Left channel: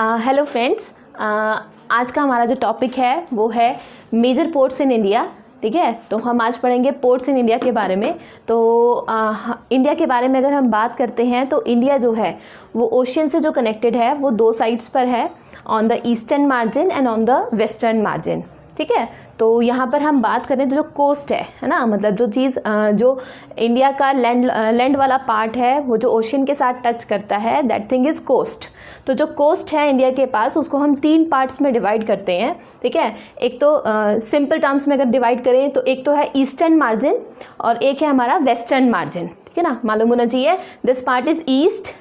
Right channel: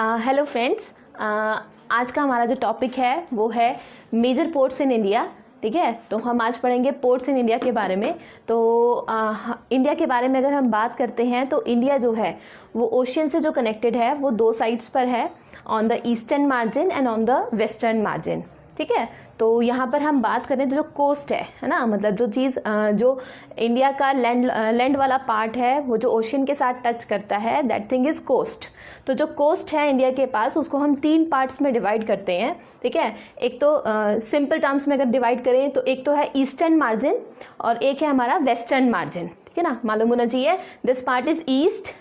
Hello friends, आज का हमारा जो टॉपिक है वो है मेजर पोर्ट्स इन इंडिया। ठीक है, तो हम आज पढ़ेंगे पोर्ट्स इन इंडिया के बारे में। तो इंडिया के बारे में अगर हम बात करते हैं तो इंडिया जो है वो ओशियन से जो कनेक्टेड है वो दो साइड्स पर है, on the eastern margin and on the western margin. ठीक है, तो यहाँ पर हम बात करें तो जो कोस्ट है ना, मतलब जो चीज़ जो इंडिया का लैंड वाला पार्ट है वो जो ओशियन के साथ टच करता है, दैट थिंग इज़ कोस्ट। तो जो कोस्ट है इंडिया के पास उसको हम तीन पार्ट्स में डिवाइड करते हैं। ठीक है, एक तो सिंपल टर्म्स में अगर डिवाइड करें तो एक तो है ईस्टर्न मार्जिन और एक है हमारा वेस्टर्न मार्जिन। ठीक है ना, मालूम होना चाहिए this part is east,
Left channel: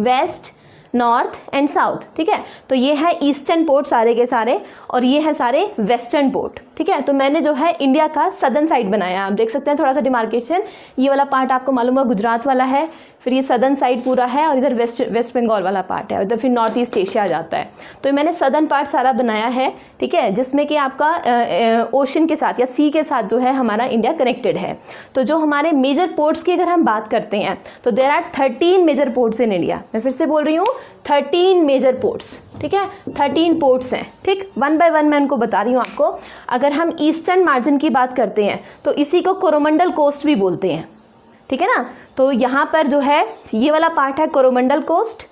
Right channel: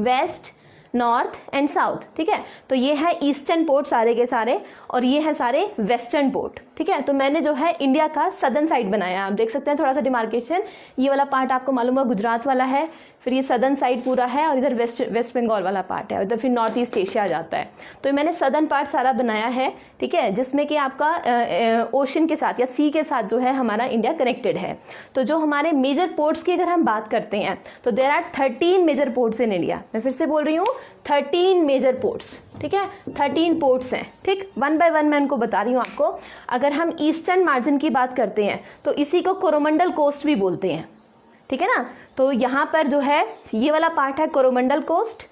west, north and south. ठीक है, तो ये है ईस्टर्न पोर्ट सारे के सारे और ये है सारे वेस्टर्न पोर्ट। ठीक है, तो मैंने जो है इंडिया का सदर्न साइड बनाया, आप देख सकते हैं थोड़ा सा डिमार्केशन। ये वाला पार्ट आपको मालूम है गुजरात वाला है, फिर ये सदर्न साइड पूरा है और इधर वेस्ट बंगाल वाला पार्ट है, इधर फिर नॉर्थ ईस्ट एशिया आ जाता है। तो मैंने सदर्न पार्ट सारा बनाया है। ठीक है, जिसमें कि आपका ओशन के साथ या सी के साथ जो है हमारा इंडिया कनेक्टेड है। तो जो हमारे मेजर पोर्ट्स की अगर हम बात करते हैं तो there are 13 major ports in India. मैं फिर से बोल रही हूँ 13 मेजर पोर्ट्स। ठीक है, 13 पोर्ट्स हैं। ठीक, वन बाय वन मैं उनको बता रही हूँ आपको। अगर हम ईस्टर्न मार्जिन की बात करते हैं तो इसी को कोरोमंडल कोस्ट भी बोलते हैं। ठीक है ना, तो यहाँ पर जो है ये वाला पार्ट है Coromandel coast,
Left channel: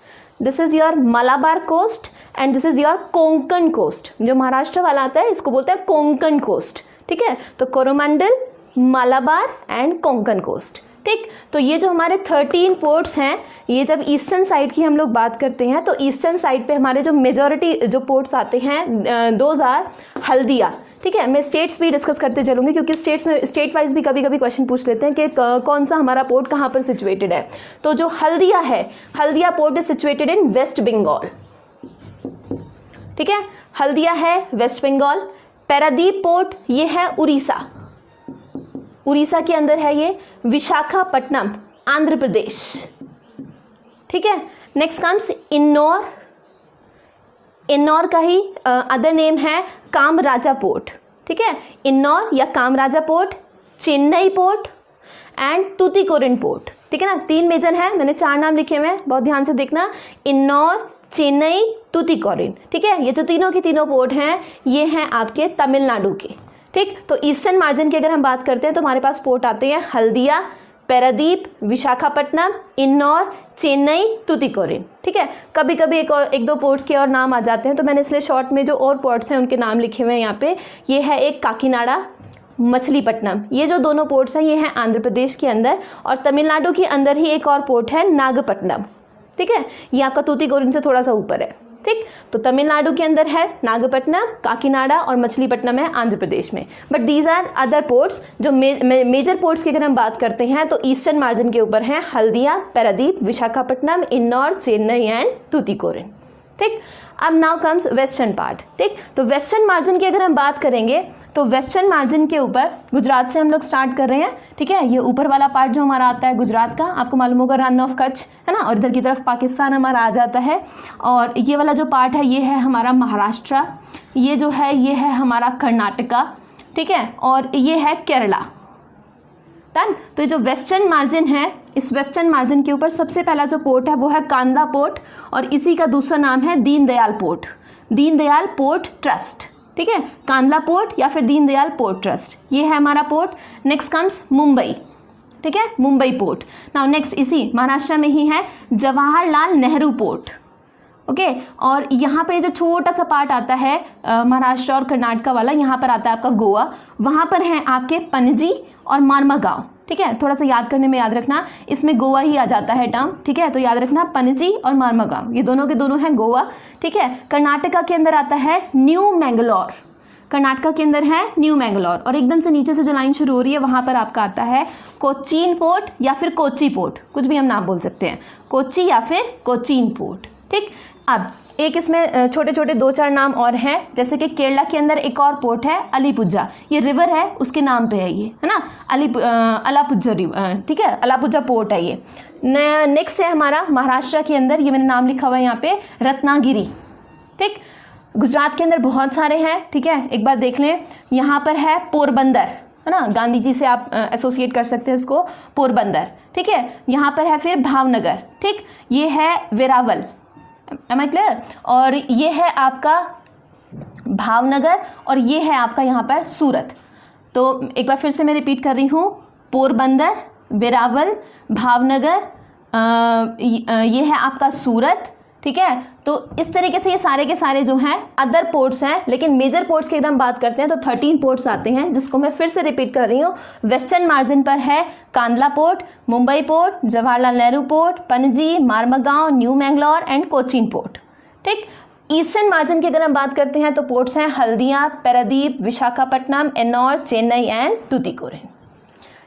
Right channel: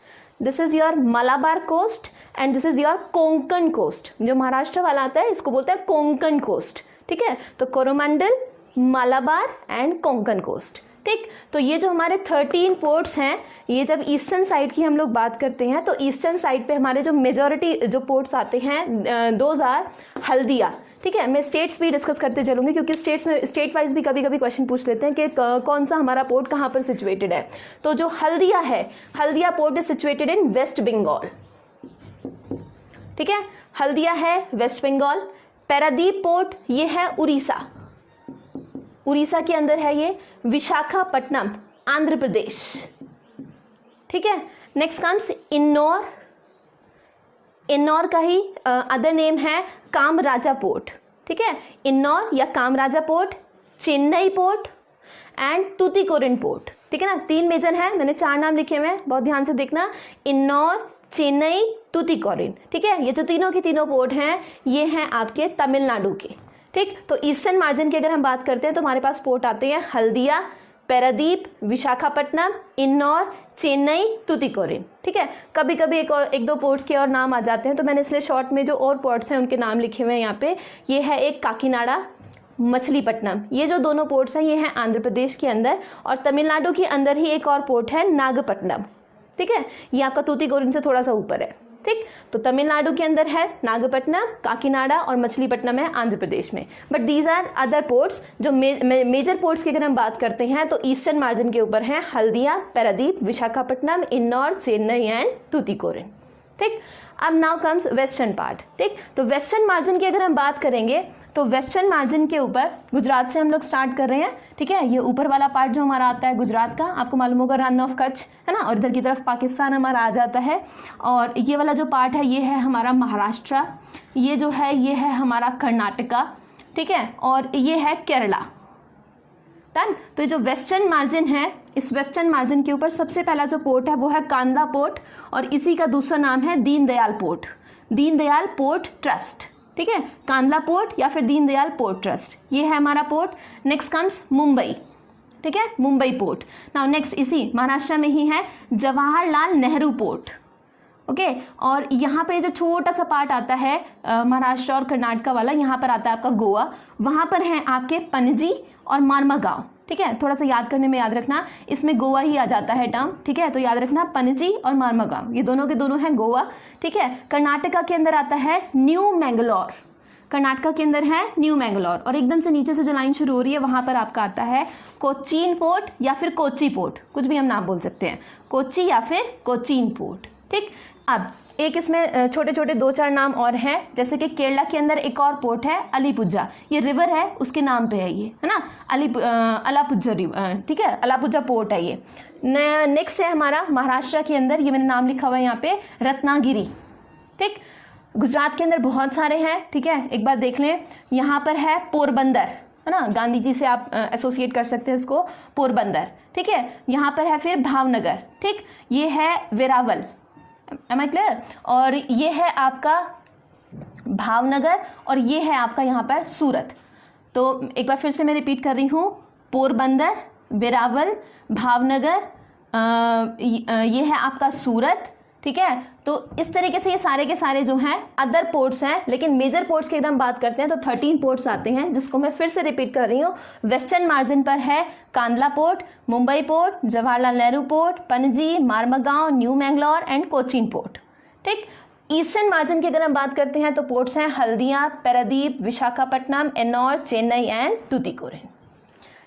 this is your Malabar coast and this is your Konkan coast. जो महाराष्ट्र वाला आता है इसको बोलते हैं कोंकण कोस्ट। ठीक है, तो कोरोमंडल, मलाबार एंड कोंकण कोस्ट। ठीक, तो ये जो हमारे 13 पोर्ट्स हैं, ये जब ईस्टर्न साइड की हम लोग बात करते हैं तो ईस्टर्न साइड पे हमारे जो मेजॉरिटी जो पोर्ट्स आते हैं दोज आर हल्दिया। ठीक है, मैं स्टेट्स भी डिस्कस करते चलूँगी क्योंकि स्टेट्स में स्टेट वाइज भी कभी कभी क्वेश्चन पूछ लेते हैं कि कौन सा हमारा पोर्ट कहाँ पर सिचुएटेड है। तो जो हल्दिया है, Haldia port is situated in West Bengal. ठीक है, हल्दिया है वेस्ट बंगाल। पैरादीप पोर्ट ये है उड़ीसा, उड़ीसा के अंदर है ये। विशाखापट्टनम आंध्र प्रदेश। ठीक है, नेक्स्ट कम्स इन्नौर, इन्नौर का ही अदर नेम है कामराजा पोर्ट। ठीक है, इन्नौर या Kamaraja port, Chennai port and Tuticorin port. ठीक है ना, तीन मेजर हैं, मैंने 4 नाम लिखे हुए हैं, बहुत ध्यान से देखना। इन्नौर, चेन्नई, तूतीकोरिन। ठीक है, ये जो तीनों के तीनों पोर्ट हैं ये हैं आपके तमिलनाडु के। ठीक, तो ईस्टर्न मार्जिन की अगर हम बात करते हैं तो हमारे पास पोर्ट आते हैं हल्दिया, पैरादीप, विशाखापट्टनम, इन्नौर, चेन्नई, तूतीकोरिन। ठीक है, कभी कभी एक दो पोर्ट्स के और नाम आ जाते हैं तो मैंने इसलिए शॉर्ट में जो और पोर्ट्स हैं उनके नाम लिखे हुए हैं यहाँ पे। ये है एक काकीनाडा, मछलीपट्टनम। ये जो दोनों पोर्ट्स हैं ये हैं आंध्र प्रदेश के अंदर और तमिलनाडु के अंदर ही एक और पोर्ट है नागपट्टनम। ठीक है, ये आपका तूतीकोरिन से थोड़ा सा ऊपर है। ठीक, तो तमिलनाडु के अंदर है नागपट्टनम, काकीनाडा और मछलीपट्टनम है आंध्र प्रदेश में। But these are other ports. जो मेजर पोर्ट्स की अगर हम बात करते हैं तो ईस्टर्न मार्जिन के ऊपर हैं हल्दिया, पैरादीप, विशाखापट्टनम, इन्नौर, चेन्नई एंड तूतीकोरिन। ठीक, अब नाउ कम्स वेस्टर्न पार्ट। ठीक, तो वेस्टर्न मार्जिन की अगर हम बात करेंगे तो वेस्टर्न मार्जिन के ऊपर गुजरात से हम लोग स्टार्ट कर रहे हैं। ठीक है, ये ऊपर वाला पार्ट जो हमारा आता है गुजरात का, आपको मालूम होगा रन ऑफ कच्छ है ना, और इधर की तरफ पाकिस्तान हमारा आ जाता है। और ये वाला जो पार्ट है ये है हमारा महाराष्ट्र, ये जो है ये है हमारा कर्नाटका। ठीक है, और ये है केरला। डन। तो ये जो वेस्टर्न मार्जिन है, इस वेस्टर्न मार्जिन के ऊपर सबसे पहला जो पोर्ट है वो है कांदला पोर्ट और इसी का दूसरा नाम है Deendayal port, Deendayal port trust. ठीक है, कांदला पोर्ट या फिर दीनदयाल पोर्ट ट्रस्ट, ये है हमारा पोर्ट। Next comes Mumbai. ठीक है, मुंबई पोर्ट। नाउ नेक्स्ट इसी महाराष्ट्र में ही है जवाहरलाल नेहरू पोर्ट। ओके, और यहाँ पे जो छोटा सा पार्ट आता है महाराष्ट्र और कर्नाटका वाला, यहाँ पर आता है आपका गोवा। वहाँ पर हैं आपके पणजी और मार्मागांव। ठीक है, थोड़ा सा याद करने में याद रखना, इसमें गोवा ही आ जाता है टर्म। ठीक है, तो याद रखना पणजी और मार्मागांव ये दोनों के दोनों हैं गोवा। ठीक है, कर्नाटका के अंदर आता है न्यू मैंगलोर, कर्नाटका के अंदर है न्यू मैंगलोर। और एकदम से नीचे से जो लाइन शुरू हो रही है वहाँ पर आपका आता है कोचीन पोर्ट या फिर कोची पोर्ट, कुछ भी हम नाम बोल सकते हैं, कोची या फिर कोचीन पोर्ट। ठीक, अब एक इसमें छोटे छोटे 2-4 नाम और हैं, जैसे कि केरला के अंदर एक और पोर्ट है अलीपुजा, ये रिवर है उसके नाम पे है ये, है ना, अलापुजा रिवर। ठीक है, अलापुजा पोर्ट है ये। नेक्स्ट है हमारा महाराष्ट्र के अंदर, ये मैंने नाम लिखा हुआ है यहाँ पे, रत्नागिरी। ठीक, गुजरात के अंदर बहुत सारे हैं। ठीक है, एक बार देख लें, यहाँ पर है पोरबंदर, है ना, गांधी जी से आप एसोसिएट कर सकते हैं इसको, पोरबंदर। ठीक है, यहाँ पर है फिर भावनगर। ठीक, ये है वेरावल, एम आई क्लियर। और ये है आपका भावनगर और ये है आपका यहाँ पर सूरत। तो एक बार फिर से मैं रिपीट कर रही हूँ, पोरबंदर, वेरावल, भावनगर, ये है आपका सूरत, ठीक है। तो इस तरीके से ये सारे के सारे जो हैं अदर पोर्ट्स हैं, लेकिन मेजर पोर्ट्स की अगर हम बात करते हैं तो 13 पोर्ट्स आते हैं, जिसको मैं फिर से रिपीट कर रही हूँ। वेस्टर्न मार्जिन पर है Kandla port, Mumbai port, Jawaharlal Nehru port, Panaji, Marmagao, new Mangalore and Cochin port, ठीक। ईस्टर्न मार्जिन की अगर हम बात करते हैं तो पोर्ट्स हैं हल्दिया, पारादीप, विशाखापट्टनम, एन्नौर, चेन्नई एंड तूतीकोरिन।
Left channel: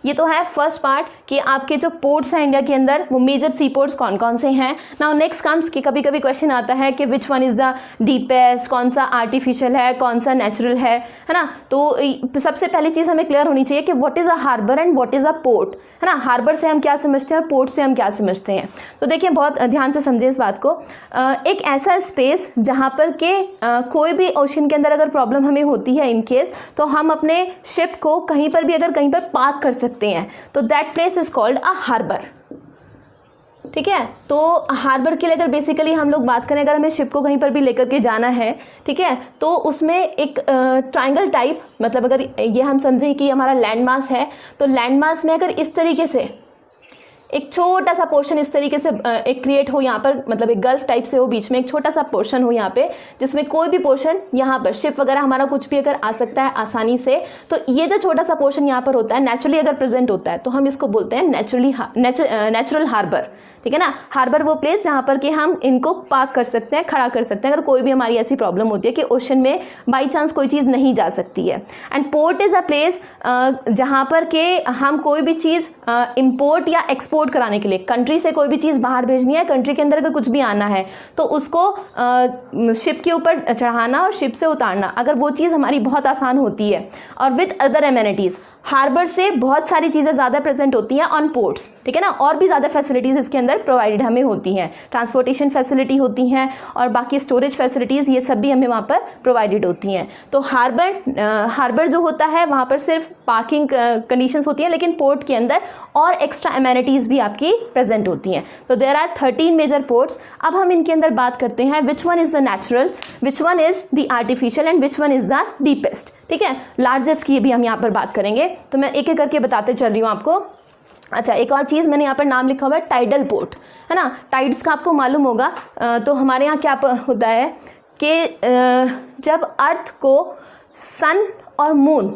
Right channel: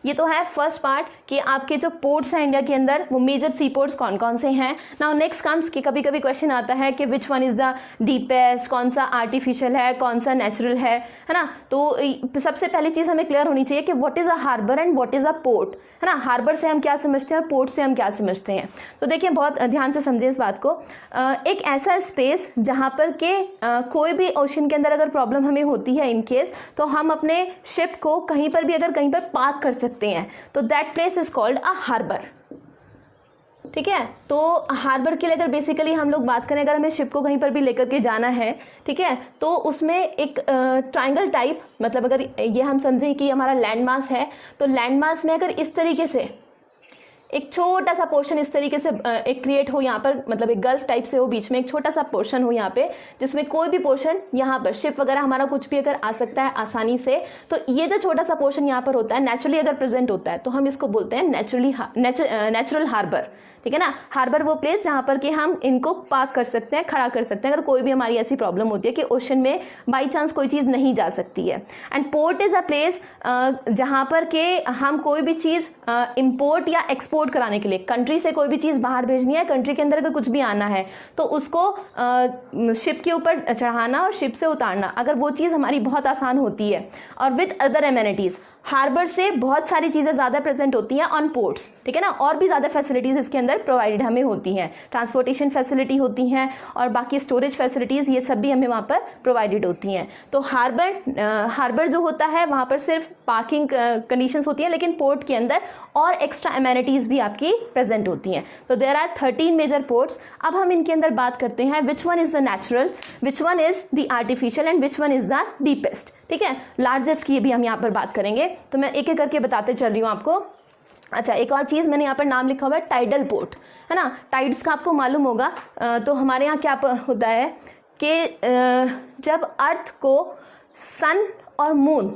ये तो है फर्स्ट पार्ट कि आपके जो पोर्ट्स हैं इंडिया के अंदर वो मेजर सी पोर्ट्स कौन कौन से हैं। नाउ नेक्स्ट कम्स कि कभी कभी क्वेश्चन आता है कि which one is the deepest, कौन सा आर्टिफिशियल है, कौन सा नेचुरल है ना। तो सबसे पहली चीज़ हमें क्लियर होनी चाहिए कि what is a harbour and what is a port, है ना। हार्बर से हम क्या समझते हैं और पोर्ट से हम क्या समझते हैं। तो देखिए बहुत ध्यान से समझिए इस बात को। एक ऐसा स्पेस जहाँ पर के कोई भी ओशन के अंदर अगर प्रॉब्लम हमें होती है इन केस, तो हम अपने शिप को कहीं पर भी अगर कहीं पर पार्क कर सकते हैं, तो that place is called a harbour, ठीक है। तो हार्बर के लिए अगर बेसिकली हम लोग बात करें, अगर हमें शिप को कहीं पर भी लेकर के जाना है, ठीक है, तो उसमें एक ट्रायंगल टाइप, मतलब अगर ये हम समझें कि हमारा लैंड मास है, तो लैंड मास में अगर इस तरीके से एक छोटा सा पोर्शन इस तरीके से एक क्रिएट हो यहाँ पर, मतलब एक गल्फ टाइप से हो, बीच में एक छोटा सा पोर्शन हो यहाँ पे, जिसमें कोई भी पोर्शन यहाँ पर शिप वगैरह हमारा कुछ भी अगर आ सकता है आसानी से, तो ये जो छोटा सा पोर्शन यहाँ पर होता है नेचुरली अगर प्रेजेंट होता है, तो हम इसको बोलते हैं नेचुरल हार्बर, ठीक है ना। हार्बर वो प्लेस जहाँ पर कि हम इनको पार्क कर सकते हैं, खड़ा कर सकते हैं, अगर कोई भी हमारी ऐसी प्रॉब्लम होती है कि ओशन में बाई चांस कोई चीज़ नहीं जा सकती है। And port is a place जहाँ पर के हम कोई भी चीज़ इंपोर्ट या एक्सपोर्ट कराने के लिए, कंट्री से कोई भी चीज़ बाहर भेजनी है, कंट्री के अंदर अगर कुछ भी आना है, तो उसको शिप के ऊपर चढ़ाना और शिप से उतारना, अगर वो चीज़ हमारी बहुत आसान होती है और विद अदर एमेनिटीज़। हार्बर से बहुत सारी चीज़ें ज़्यादा प्रेजेंट होती हैं ऑन पोर्ट्स, ठीक है ना, और भी ज़्यादा फैसिलिटीज़ इसके अंदर प्रोवाइडेड हमें होती हैं, ट्रांसपोर्टेशन फैसिलिटी होती हैं और बाकी स्टोरेज फैसिलिटीज़, ये सब भी हमें वहाँ पर प्रोवाइडेड होती हैं। तो हार्बर जो होता है वहाँ पर सिर्फ पार्किंग कंडीशंस होती हैं, लेकिन पोर्ट के अंदर और एक्स्ट्रा एमेनिटीज़ भी आपकी प्रेजेंट होती हैं। तो देयर आर 13 मेजर पोर्ट्स। अब हम इनके अंदर बात करते हैं which one is the natural, which one is the artificial and which one is the deepest, ठीक है। लार्जेस्ट की भी हम यहाँ पर बात करेंगे, तो मैं एक एक करके बताते चल रही हूँ आपको। अच्छा, एक और चीज़ मैंने यहाँ पर नाम लिखा हुआ है टाइडल पोर्ट, है ना। टाइड्स का आपको मालूम होगा। तो हमारे यहाँ क्या होता है कि जब अर्थ को सन और मून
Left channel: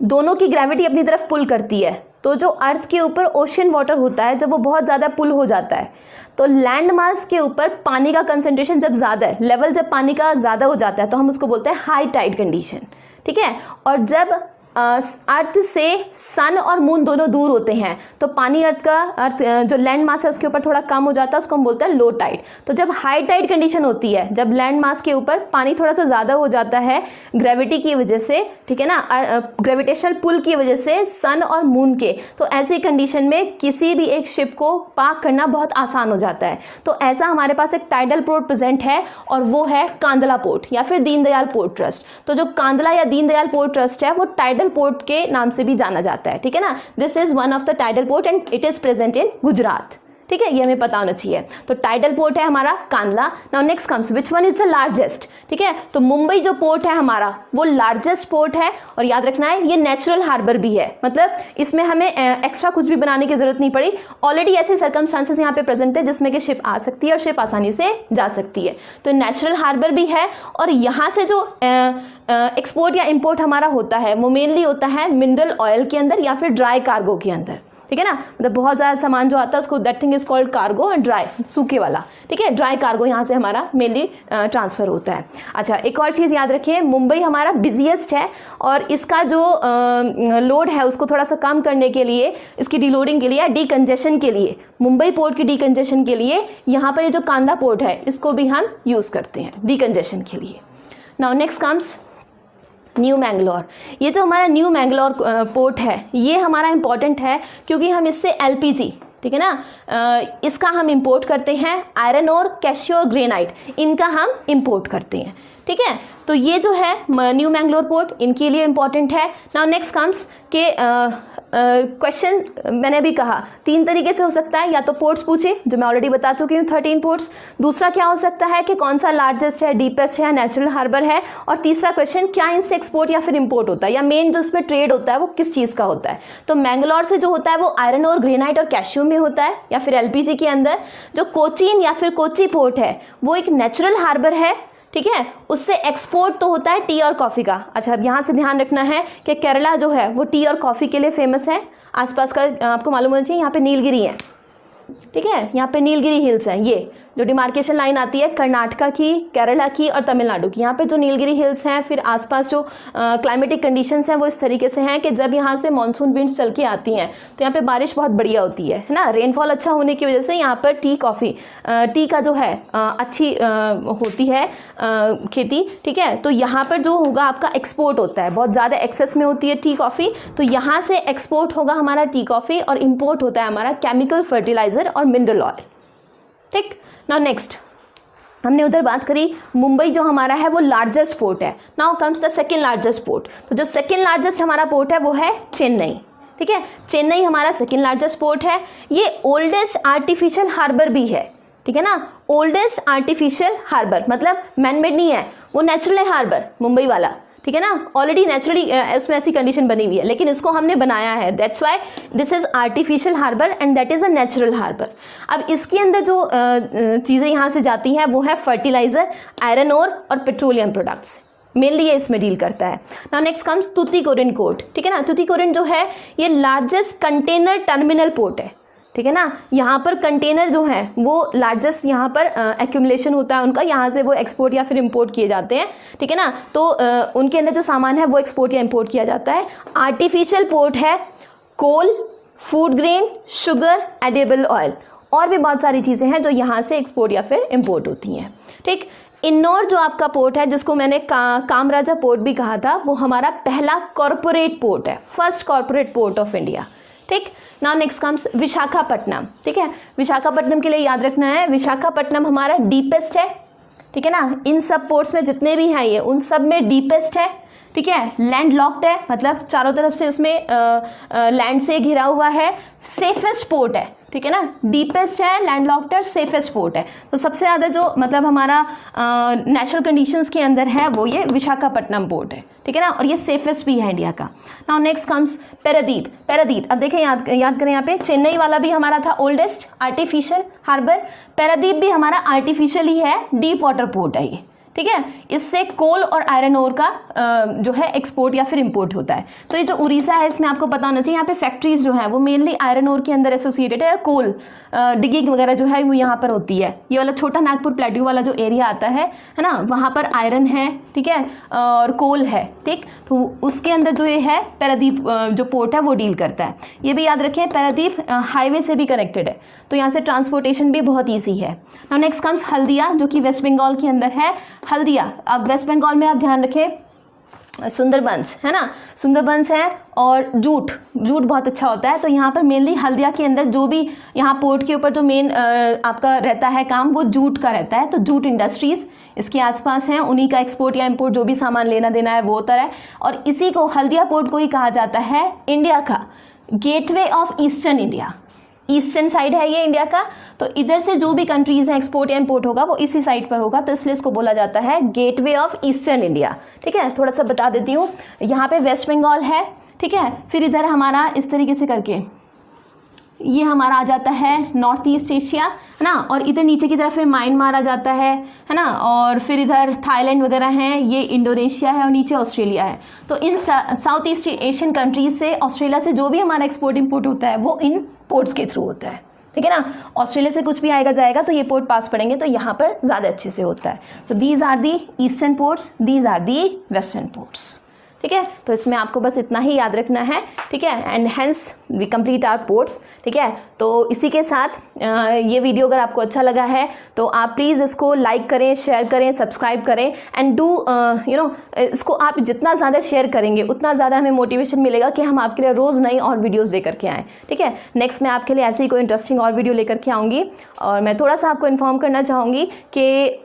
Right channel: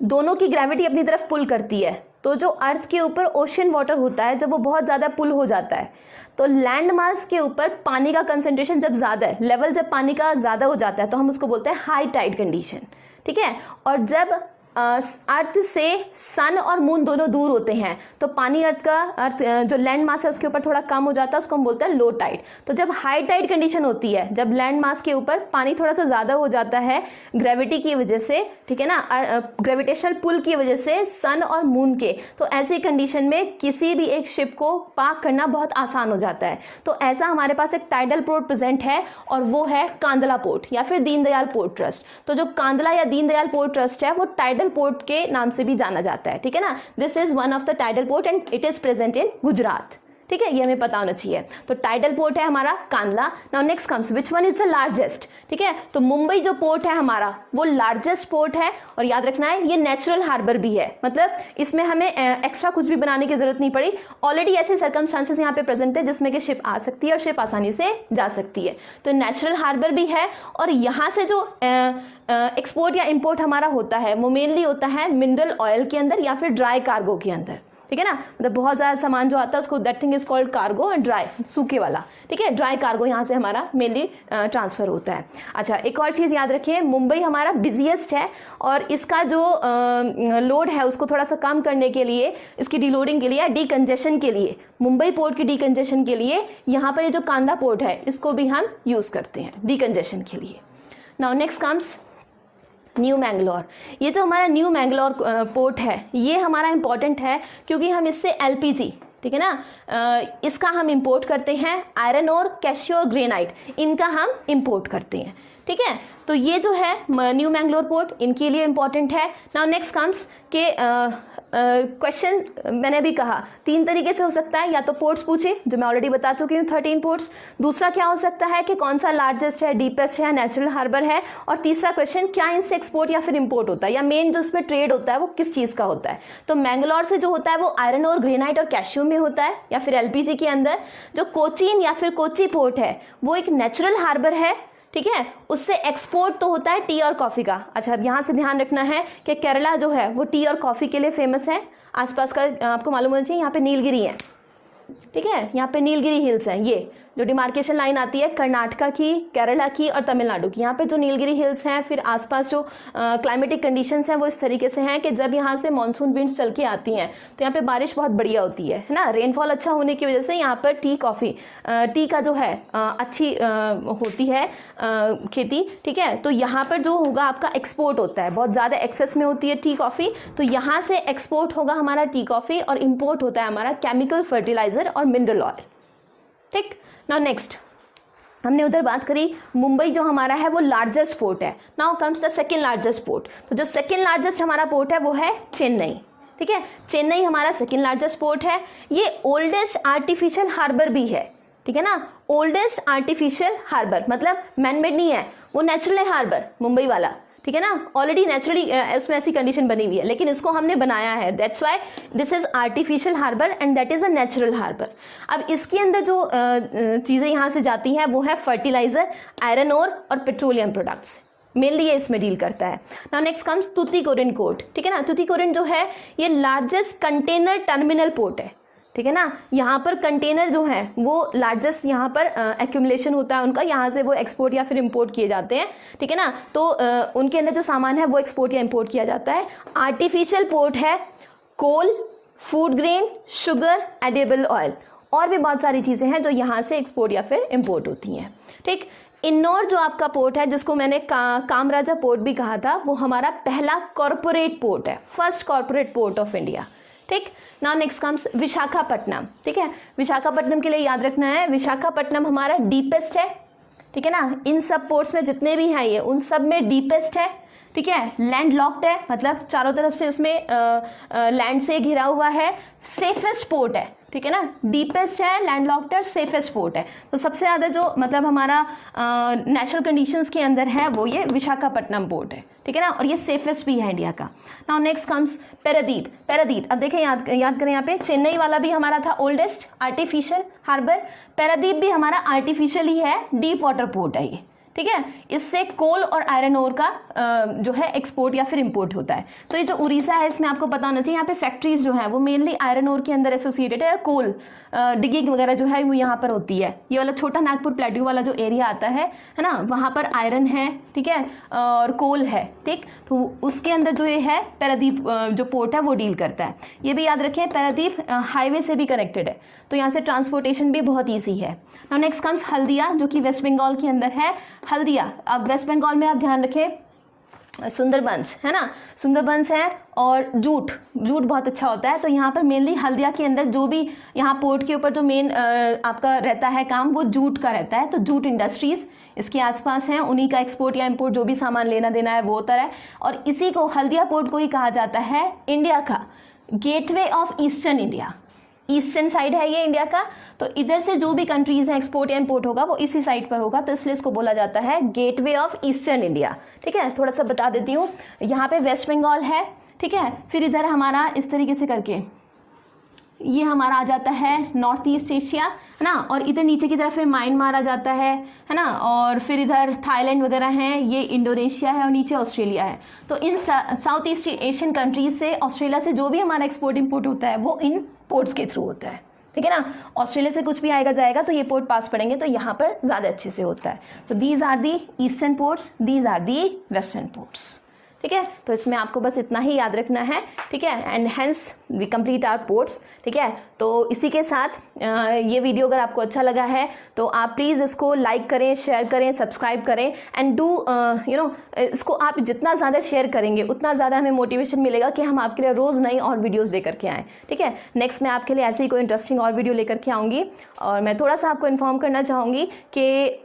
दोनों की ग्रेविटी अपनी तरफ पुल करती है, तो जो अर्थ के ऊपर ओशन वाटर होता है, जब वो बहुत ज़्यादा पुल हो जाता है, तो लैंड मास के ऊपर पानी का कंसंट्रेशन जब ज़्यादा है, लेवल जब पानी का ज़्यादा हो जाता है, तो हम उसको बोलते हैं हाई टाइड कंडीशन, ठीक है। और जब अर्थ से सन और मून दोनों दूर होते हैं, तो पानी अर्थ जो लैंड मास है उसके ऊपर थोड़ा कम हो जाता है, उसको हम बोलते हैं लो टाइड। तो जब हाई टाइड कंडीशन होती है, जब लैंड मास के ऊपर पानी थोड़ा सा ज़्यादा हो जाता है ग्रेविटी की वजह से, ठीक है ना, ग्रेविटेशनल पुल की वजह से सन और मून के, तो ऐसे कंडीशन में किसी भी एक शिप को पार्क करना बहुत आसान हो जाता है। तो ऐसा हमारे पास एक टाइडल पोर्ट प्रेजेंट है और वो है कांदला पोर्ट या फिर दीनदयाल पोर्ट ट्रस्ट। तो जो कांदला या दीनदयाल पोर्ट ट्रस्ट है वो टाइडल पोर्ट के नाम से भी जाना जाता है, ठीक है ना। This is one of the tidal port and it is present in Gujarat, ठीक है, ये हमें पता होना चाहिए। तो टाइडल पोर्ट है हमारा Kandla. Now next comes which one is the largest, ठीक है। तो मुंबई जो पोर्ट है हमारा वो लार्जेस्ट पोर्ट है, और याद रखना है ये नेचुरल हार्बर भी है, मतलब इसमें हमें एक्स्ट्रा कुछ भी बनाने की जरूरत नहीं पड़ी। ऑलरेडी ऐसे सर्कमस्टांसेस यहाँ पे प्रेजेंट है जिसमें कि शिप आ सकती है और शिप आसानी से जा सकती है। तो नेचुरल हार्बर भी है, और यहाँ से जो एक्सपोर्ट या इंपोर्ट हमारा होता है वो मेनली होता है मिनरल ऑयल के अंदर या फिर ड्राई कार्गो के अंदर, ठीक है ना। मतलब बहुत ज़्यादा सामान जो आता है उसको that thing is called cargo and dry, सूखे वाला, ठीक है। ड्राई कार्गो यहाँ से हमारा मेनली ट्रांसफ़र होता है। अच्छा, एक और चीज़ याद रखिए, मुंबई हमारा बिजिएस्ट है और इसका जो लोड है उसको थोड़ा सा कम करने के लिए, इसकी डीलोडिंग के लिए या डीकंजेशन के लिए, मुंबई पोर्ट की डीकंजेशन के लिए यहाँ पर ये जो कांदला पोर्ट है इसको भी हम यूज़ करते हैं डीकंजेशन के लिए। Now next comes new Mangalore. ये जो हमारा न्यू मैंगलोर पोर्ट है ये हमारा इंपॉर्टेंट है क्योंकि हम इससे एलपीजी, ठीक है ना, इसका हम इंपोर्ट करते हैं। आयरन और कैल्शियम ग्रेनाइट, इनका हम इंपोर्ट करते हैं, ठीक ठीक है। तो ये जो है न्यू मैंगलोर पोर्ट इनके लिए इम्पॉर्टेंट है। नाउ नेक्स्ट कम्स के क्वेश्चन मैंने अभी कहा 3 तरीके से हो सकता है, या तो पोर्ट्स पूछे जो मैं ऑलरेडी बता चुकी हूँ 13 पोर्ट्स, दूसरा क्या हो सकता है कि कौन सा लार्जेस्ट है, डीपेस्ट है, नेचुरल हार्बर है, और तीसरा क्वेश्चन क्या इनसे एक्सपोर्ट या फिर इम्पोर्ट होता है, या मेन जो उसमें ट्रेड होता है वो किस चीज़ का होता है। तो मैंगलोर से जो होता है वो आयरन और ग्रेनाइट और कैल्शियम में होता है, या फिर एलपीजी के अंदर। जो कोचीन या फिर कोची पोर्ट है वो एक नेचुरल हार्बर है, ठीक है, उससे एक्सपोर्ट तो होता है टी और कॉफ़ी का। अच्छा, अब यहाँ से ध्यान रखना है कि केरला जो है वो टी और कॉफ़ी के लिए फेमस है। आसपास का आपको मालूम होना चाहिए, यहाँ पे नीलगिरी है, ठीक है, यहाँ पे नीलगिरी हिल्स हैं। ये जो डिमार्केशन लाइन आती है कर्नाटका की, केरला की और तमिलनाडु की, यहाँ पे जो नीलगिरी हिल्स हैं, फिर आसपास जो क्लाइमेटिक कंडीशंस हैं वो इस तरीके से हैं कि जब यहाँ से मानसून विंड्स चल के आती हैं तो यहाँ पे बारिश बहुत बढ़िया होती है ना। रेनफॉल अच्छा होने की वजह से यहाँ पर टी का जो है अच्छी होती है खेती, ठीक है। तो यहाँ पर जो होगा आपका एक्सपोर्ट होता है, बहुत ज़्यादा एक्सेस में होती है टी कॉफ़ी, तो यहाँ से एक्सपोर्ट होगा हमारा टी कॉफ़ी, और इम्पोर्ट होता है हमारा केमिकल फर्टिलाइज़र और मिनरल ऑयल, ठीक। नाउ नेक्स्ट हमने उधर बात करी मुंबई जो हमारा है वो लार्जेस्ट पोर्ट है। Now comes the second largest port. तो जो सेकंड लार्जेस्ट हमारा पोर्ट है वो है चेन्नई, ठीक है। चेन्नई हमारा सेकंड लार्जेस्ट पोर्ट है। ये ओल्डेस्ट आर्टिफिशियल हार्बर भी है, ठीक है ना। ओल्डेस्ट आर्टिफिशियल हार्बर मतलब मैनमेड नहीं है, वो नेचुरल है हार्बर मुंबई वाला, ठीक है ना। ऑलरेडी नेचुरली उसमें ऐसी कंडीशन बनी हुई है, लेकिन इसको हमने बनाया है, that's why this is artificial harbour and that is a natural harbour. अब इसके अंदर जो चीज़ें यहाँ से जाती हैं वो है फर्टिलाइज़र, आयरन ओर और पेट्रोलियम प्रोडक्ट्स, मेनली ये इसमें डील करता है। Now next comes Tuticorin port, ठीक है ना। तुतीकोरिन जो है ये लार्जेस्ट कंटेनर टर्मिनल पोर्ट है, ठीक है ना। यहाँ पर कंटेनर जो है वो लार्जेस्ट यहाँ पर एक्यूमुलेशन होता है उनका, यहाँ से वो एक्सपोर्ट या फिर इंपोर्ट किए जाते हैं, ठीक है ना। तो उनके अंदर जो सामान है वो एक्सपोर्ट या इंपोर्ट किया जाता है। आर्टिफिशियल पोर्ट है coal, food grain, sugar, edible oil, और भी बहुत सारी चीज़ें हैं जो यहाँ से एक्सपोर्ट या फिर इंपोर्ट होती हैं, ठीक। इन्नौर जो आपका पोर्ट है जिसको मैंने कामराजा पोर्ट भी कहा था, वो हमारा पहला कॉरपोरेट पोर्ट है, first corporate port of India, ठीक। नाउ नेक्स्ट कम्स विशाखापट्टनम, ठीक है। विशाखापट्टनम के लिए याद रखना है विशाखापट्टनम हमारा डीपेस्ट है, ठीक है ना। इन सब पोर्ट्स में जितने भी हैं ये उन सब में डीपेस्ट है, ठीक है। लैंड लॉक्ड है, मतलब चारों तरफ से इसमें लैंड से घिरा हुआ है। सेफेस्ट पोर्ट है, ठीक है ना। डीपेस्ट है, लैंड लॉक्ड है, सेफेस्ट पोर्ट है। तो सबसे ज़्यादा जो मतलब हमारा नेचुरल कंडीशंस के अंदर है वो ये विशाखापट्टनम पोर्ट है, ठीक है ना, और ये सेफेस्ट भी है इंडिया का। Now next comes Paradip. अब देखें याद करें, यहाँ पे चेन्नई वाला भी हमारा था ओल्डेस्ट आर्टिफिशियल हार्बर, पैरादीप भी हमारा आर्टिफिशियल ही है, डीप वाटर पोर्ट है ये, ठीक है। इससे कोल और आयरन ओर का जो है एक्सपोर्ट या फिर इंपोर्ट होता है। तो ये जो उड़ीसा है इसमें आपको पता होना चाहिए, यहाँ पे फैक्ट्रीज जो है वो मेनली आयरन ओर के अंदर एसोसिएटेड है, कोल डिगिंग वगैरह जो है वो यहाँ पर होती है। ये वाला छोटा नागपुर प्लेट्यू वाला जो एरिया आता है ना, वहाँ पर आयरन है, ठीक है, और कोल है, ठीक। तो उसके अंदर जो ये है पैरादीप जो पोर्ट है वो डील करता है। ये भी याद रखें पैरादीप हाईवे से भी कनेक्टेड है, तो यहाँ से ट्रांसपोर्टेशन भी बहुत ईजी है। नाउ नेक्स्ट कम्स हल्दिया जो कि वेस्ट बंगाल के अंदर है। हल्दिया, अब वेस्ट बंगाल में आप ध्यान रखें सुंदरबंस है ना, सुंदरबंस है, और जूट बहुत अच्छा होता है। तो यहाँ पर मेनली हल्दिया के अंदर जो भी यहाँ पोर्ट के ऊपर जो मेन आपका रहता है काम वो जूट का रहता है। तो जूट इंडस्ट्रीज़ इसके आसपास हैं, उन्हीं का एक्सपोर्ट या इंपोर्ट जो भी सामान लेना देना है वो होता है। और इसी को हल्दिया पोर्ट को ही कहा जाता है इंडिया का gateway of eastern India. Eastern side है ये इंडिया का, तो इधर से जो भी कंट्रीज़ हैं एक्सपोर्ट या इंपोर्ट होगा वो इसी साइड पर होगा, तो इसलिए इसको बोला जाता है गेटवे ऑफ ईस्टर्न इंडिया, ठीक है। थोड़ा सा बता देती हूँ, यहाँ पे वेस्ट बंगाल है, ठीक है, फिर इधर हमारा इस तरीके से करके ये हमारा आ जाता है नॉर्थ ईस्ट एशिया, है ना, और इधर नीचे की तरफ फिर म्यांमार आ जाता है ना, और फिर इधर थाईलैंड वगैरह हैं, ये इंडोनेशिया है, और नीचे ऑस्ट्रेलिया है। तो इन साउथ ईस्ट एशियन कंट्रीज से, ऑस्ट्रेलिया से जो भी हमारा एक्सपोर्ट इंपोर्ट होता है वो इन पोर्ट्स के थ्रू होता है, ठीक है ना। ऑस्ट्रेलिया से कुछ भी आएगा जाएगा तो ये पोर्ट पास पड़ेंगे, तो यहाँ पर ज़्यादा अच्छे से होता है। तो these are the eastern ports, these are the western ports, ठीक है। तो इसमें आपको बस इतना ही याद रखना है, ठीक है। And hence we complete our ports, ठीक है। तो इसी के साथ ये वीडियो अगर आपको अच्छा लगा है तो आप प्लीज़ इसको लाइक करें, शेयर करें, सब्सक्राइब करें, एंड डू इसको आप जितना ज़्यादा शेयर करेंगे उतना ज़्यादा हमें मोटिवेशन मिलेगा कि हम आपके लिए रोज़ नई और वीडियोज़ लेकर के आएँ, ठीक है। नेक्स्ट मैं आपके लिए ऐसे ही कोई इंटरेस्टिंग और वीडियो लेकर के आऊँगी। और मैं थोड़ा सा आपको इन्फॉर्म करना चाहूँगी कि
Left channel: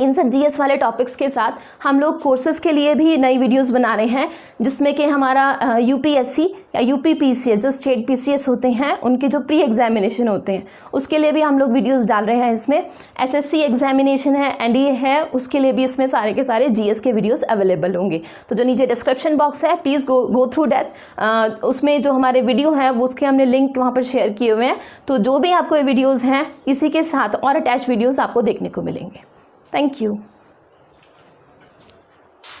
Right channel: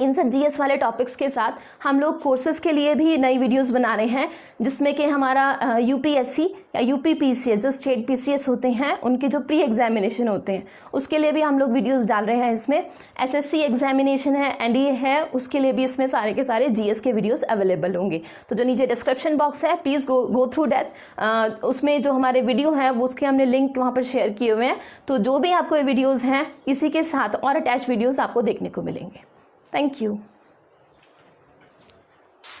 इन सब जीएस वाले टॉपिक्स के साथ हम लोग कोर्सेज़ के लिए भी नई वीडियोस बना रहे हैं, जिसमें कि हमारा यूपीएससी या यूपीपीसीएस जो स्टेट पीसीएस होते हैं उनके जो प्री एग्जामिनेशन होते हैं उसके लिए भी हम लोग वीडियोस डाल रहे हैं। इसमें एसएससी एग्जामिनेशन है, एनडीए है, उसके लिए भी इसमें सारे के सारे जीएस के वीडियोस अवेलेबल होंगे। तो जो नीचे डिस्क्रिप्शन बॉक्स है प्लीज़ गो थ्रू दैट, उसमें जो हमारे वीडियो हैं वो उसके हमने लिंक वहाँ पर शेयर किए हुए हैं। तो जो भी आपको ये वीडियोज़ हैं इसी के साथ और अटैच वीडियोज़ आपको देखने को मिलेंगे। Thank you.